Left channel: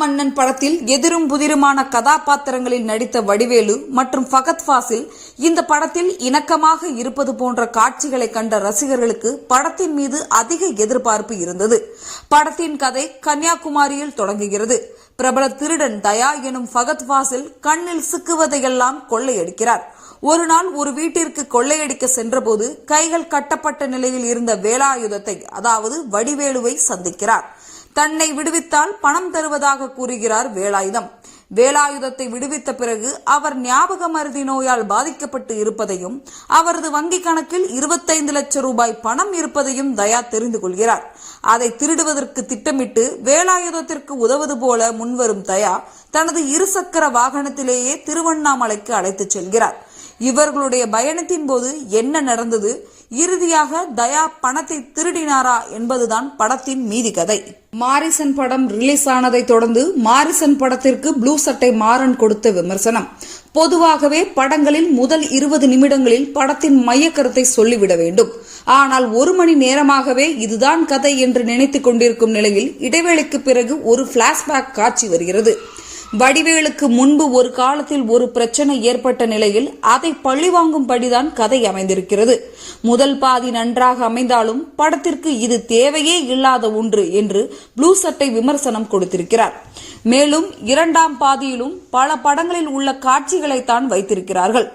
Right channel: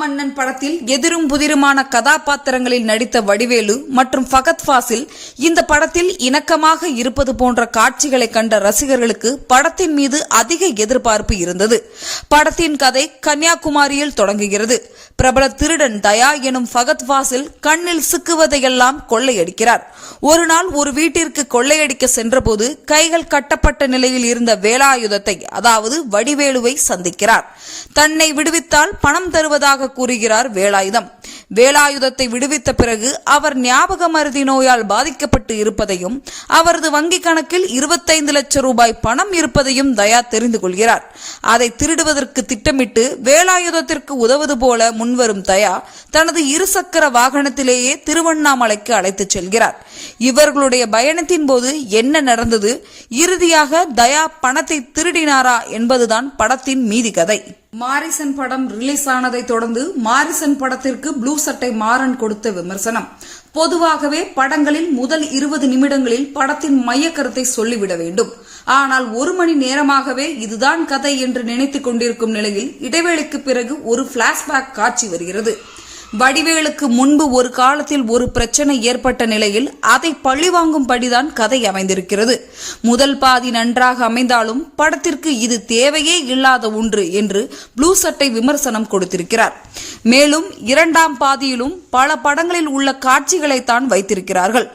மாமன்னன் படத்தில் எதிரும் புதிருமான கதாபாத்திரங்களில் நடித்த வடிவேலு மற்றும் ஃபகத் ஃபாசில் இந்த படத்தில் இணக்கமாக இருப்பது போன்ற காட்சிகளை கண்ட ரசிகர்களுக்கு படத்தின் மீது அதிக எதிர்பார்ப்பு இருந்தது. படத்தின் கதை கன்னியாகுமரியில் தொடங்குகிறது. பிரபல திருடன் தயா எனும் ஃபகத் ஃபாசில் கண்ணில் சிக்குவதையெல்லாம் கொள்ளையடிக்கிறார். ஒரு நாள் ஒரு வீட்டிற்கு கொள்ளையடிக்க சென்றபோது கைகள் கட்டப்பட்ட நிலையில் இருந்த வேலாயுதத்தை, அதாவது வடிவேலுவை சந்திக்கிறார். தன்னை விடுவித்தால் பணம் தருவதாக கூறுகிறார் வேலாயுதம். வேலாயுதத்தை விடுவித்த பிறகு அவர் ஞாபக மறதி நோயால் பாதிக்கப்பட்டு இருப்பதையும் அவரது வங்கிக் கணக்கில் 25 லட்சம் ரூபாய் பணம் இருப்பதையும் தயா தெரிந்து கொள்கிறார். அதை திருடுவதற்கு திட்டமிட்டு வேலாயுதத்திற்கு உதவுவது போல முன்வரும் தயா தனது இருசக்கர வாகனத்திலேயே திருவண்ணாமலைக்கு அழைத்துச் செல்கிறார். இவர்களுடைய பயணத்தின் போது என்ன நடந்தது, இறுதியாக தயா பணத்தை திருடினாரா என்பதுதான் படத்தின் மீதி கதை. மாரிசன் படம் ரிலீஸ் ஆனதை தொடர்ந்து மாரிசன் படத்திற்கு ப்ளூ சட்டை மாறன் கொடுத்த விமர்சனம். பொதுவாகவே படங்களில் முதல் 20 நிமிடங்களில் படத்தின் மைய கருத்தை சொல்லிவிட வேண்டும். ஆனால் 1 மணி நேரமாகவே இதுதான் கதை என்று நினைத்துக் கொண்டிருக்கும் நிலையில் இடைவேளைக்கு பிறகு ஒரு பிளாஷ்பேக் காட்சி வருகிறது. வடிவேலுக்கு முன்பு ஒரு காலத்தில் ஒரு பிரச்சனை ஏற்பட்ட நிலையில் அதை பழிவாங்கும்படிதான் கதை அமைந்திருக்கிறது. முதல் பாதி நன்றாக அமைந்தாலும் படத்திற்கு இது தேவையே இல்லாத ஒன்று என்று ப்ளூ சட்டை விமர்சனம் கொடுத்திருக்கிறார். மேலும் 2ஆம் பாதியிலும் பல படங்களில் உள்ள காட்சிகளைத்தான் வைத்திருக்கிறார்கள்.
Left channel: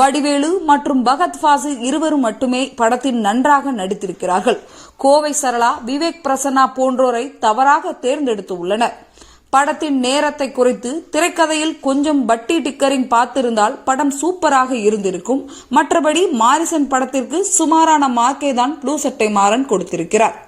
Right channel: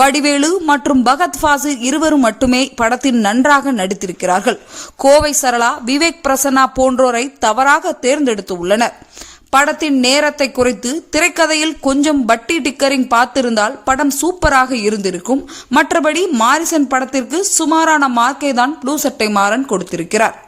வடிவேலு மற்றும் ஃபகத் ஃபாசில் இருவரும் மட்டுமே படத்தில் நன்றாக நடித்திருக்கிறார்கள். கோவை சரளா, விவேக் பிரசன்னா போன்றோரை தவறாக தேர்ந்தெடுத்து உள்ளனர். படத்தின் நேரத்தை குறித்து திரைக்கதையில் கொஞ்சம் பட்டி டிக்கரிங் பார்த்திருந்தால் படம் சூப்பராக இருந்திருக்கும். மற்றபடி மாரிசன் படத்திற்கு சுமாரான மார்க்கை தான் ப்ளூ சட்டை மாறன் கொடுத்திருக்கிறார்.